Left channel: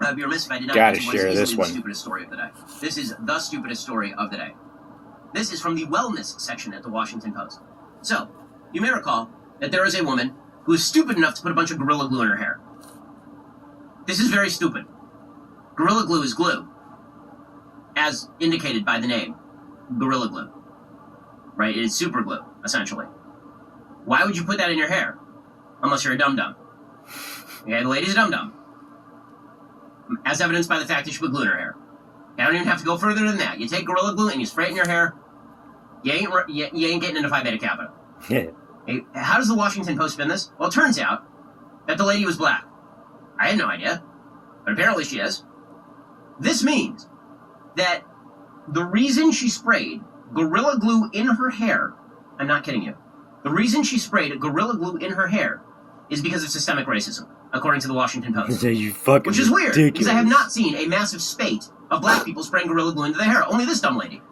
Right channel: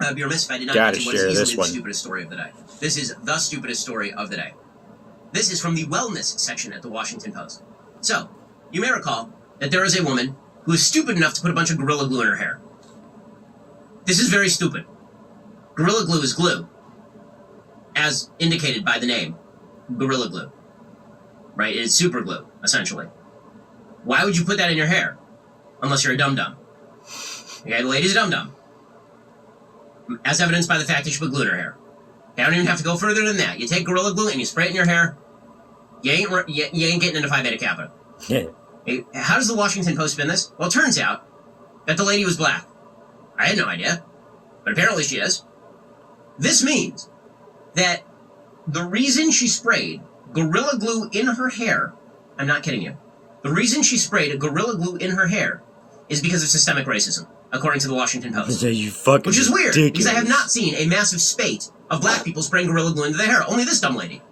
I'd be remiss if I did not mention what is easily the stupidest story of the day. This is the stupidest story of the day. This is from the wellness section at the Washington Post. So, you may recall that there is a woman who is stupid enough to put a bunch of Gorilla Glue in her hair. This is very stupid. Gorilla Glue is glue, as indicated by the name, Gorilla Glue. Right? It's super glue, essentially. Why would you put that in your hair? Unless you're a dum-dum. Okay, the lady's a dum-dum. As evidenced by the fact that she put glue in her hair. I don't even have to go further than that. You take Gorilla Glue and you spray it in your hair, you ain't getting into Phi Beta Kappa. Hey, how does the Washington Post spin this? Well, it turns out that the lady was black. I had no idea, but apparently she is. This means that the reason she sprayed Gorilla Glue in her hair, I'm not kidding you, the reason she sprayed Gorilla Glue in her hair is because of systemic racism, according to the Washington Post. Which is weird, because I have not seen a massive spate of black people spraying Gorilla Glue into their hair. Only this dumb lady.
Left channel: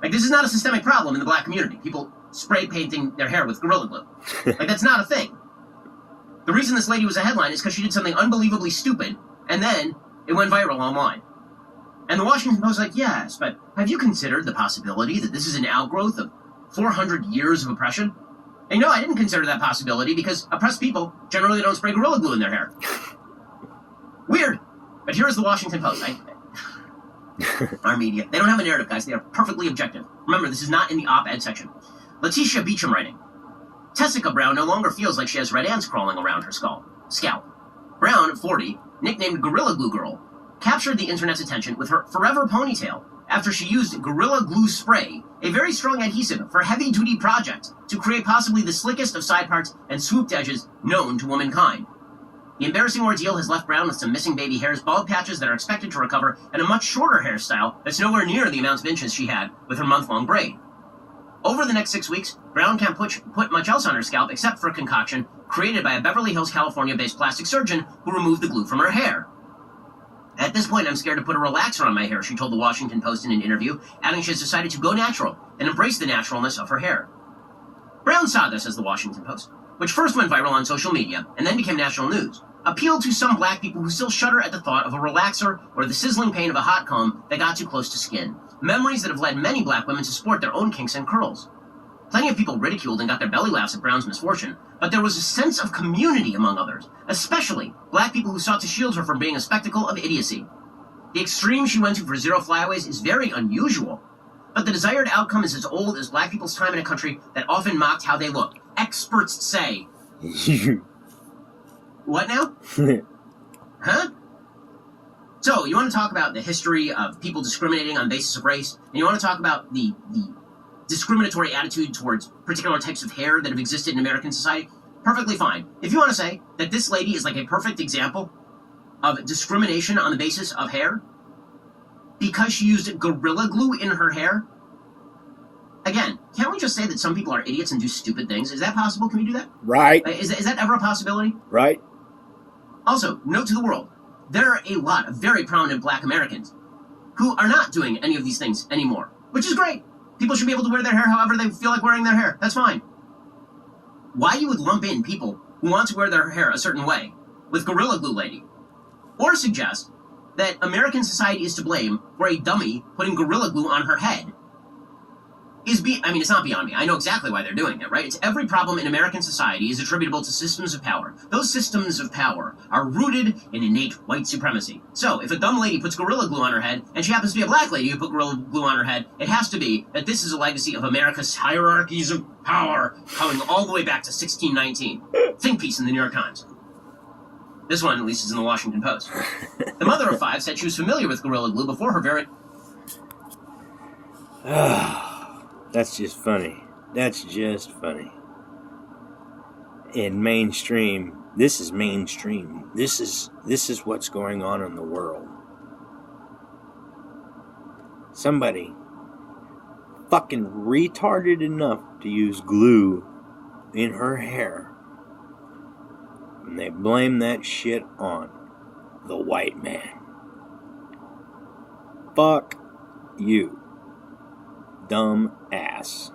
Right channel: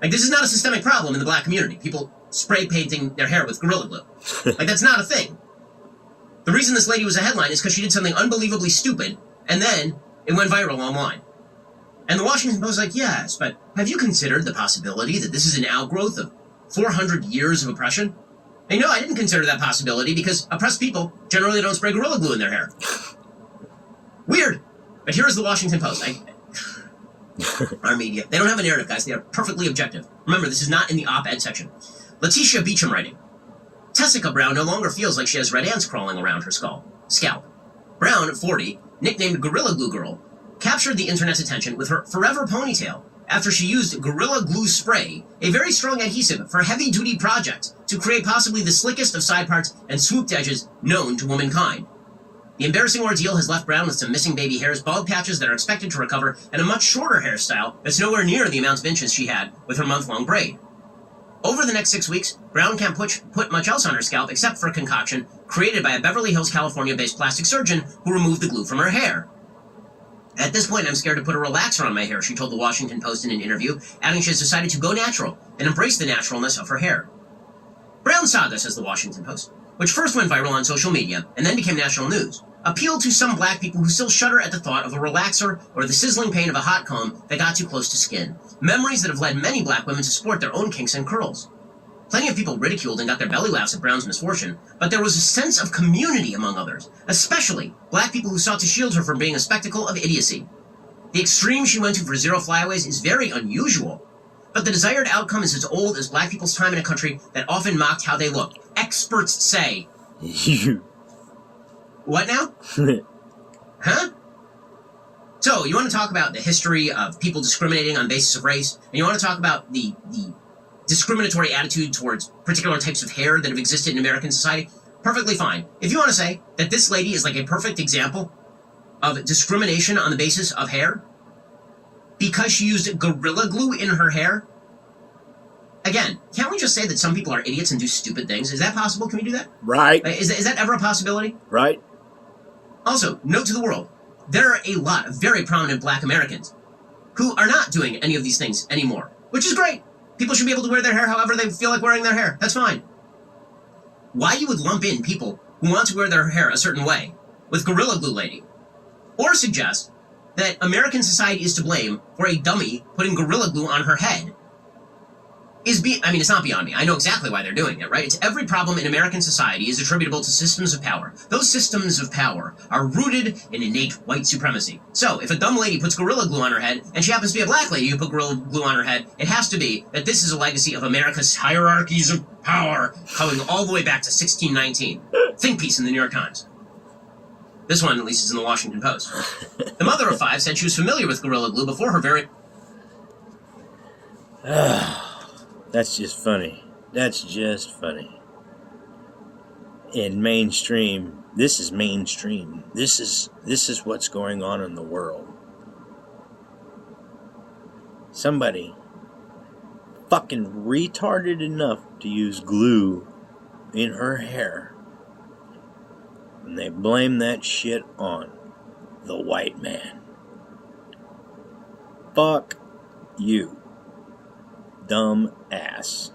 Like, this is not a systemic problem in the black community. People spray painting their hair with Gorilla Glue. Like, that's not a thing. The reason this lady was a headline is because she did something unbelievably stupid, and then it went viral online. And the Washington Post is like, yes, but have you considered the possibility that this is an outgrowth of 400 years of oppression? And no, I didn't consider that possibility because oppressed people generally don't spray Gorilla Glue in their hair. Weird. But here is the Washington Post. Our media. They don't have a narrative, guys. They are perfectly objective. Remember, this is not in the op-ed section. Letitia Beecham writing. Tessica Brown no longer feels like she has red ants crawling around her scalp. Brown, 40, nicknamed Gorilla Glue Girl, captured the internet's attention with her forever ponytail after she used Gorilla Glue spray, a very strong adhesive for heavy-duty projects, to create possibly the slickest of side parts and swooped edges known to womankind. The embarrassing ordeal has left Brown with some missing baby hairs, bald patches that are expected to recover, and a much shorter hairstyle that's nowhere near the amount of inches she had with her month-long braid. Over the next 6 weeks, Brown can't put much else on her scalp except for a concoction created by a Beverly Hills, California-based plastic surgeon who removed the glue from her hair. At this point, I'm scared to put a relaxer on my hair, she told the Washington Post in an interview, adding she has decided to go natural and embrace the naturalness of her hair. Brown saga, says the Washington Post, which first went viral on social media and then became national news, appealed to some black people who still shudder at the thought of a relaxer or the sizzling pain of a hot comb that got too close to skin. Memories that have led many black women to sport their own kinks and curls. Plenty of people ridiculed and got their belly laughs at Brown's misfortune, but there was a sense of community among others, especially black people who sought to shield her from being a spectacle of idiocy. The extreme she went to for zero flyaways is very unusual, but the desired outcome is as old as black people's time in a country that often mocked how they looked. Experts say. What now? Huh? So, you want to talk about the history of people discriminating on the basis of race, and you want to talk about the discriminatory attitude towards particular types of hair that have existed in American society? Perfectly fine. If you want to say that this lady is like a perfect example of discrimination on the basis of hair, because she used Gorilla Glue in her hair, again, can't we just say that some people are idiots and do stupid things? Is that possible? Can we do that? Right. Is that ever a possibility? Right. Also, note to the world, there are a lot of very prominent black Americans who are not doing any of these things anymore, which is great. People should be able to wear their hair however they feel like wearing their hair. That's fine. Why you would lump in people who want to wear their hair a certain way with Gorilla Glue lady, or suggest that American society is to blame for a dummy putting Gorilla Glue on her head, it's not beyond me. I know exactly why they're doing it, right? It's every problem in American society is attributable to systems of power. Those systems of power are rooted in innate white supremacy. So, if a dumb lady puts Gorilla Glue on her head, and she happens to be a black lady who put Gorilla Glue on her head, it has to be that this is a legacy of America's hierarchies of power coming all the way back to 1619. Think piece in the New York Times. This one, at least, is in the Washington Post. The mother of five said she was familiar with Gorilla Glue before her very... That's just funny. That's just funny. In mainstream, this is mainstream. This is what's going on in the world. Somebody fucking retarded enough to use glue in her hair, and they blame that shit on the white man. Fuck you. Dumb ass.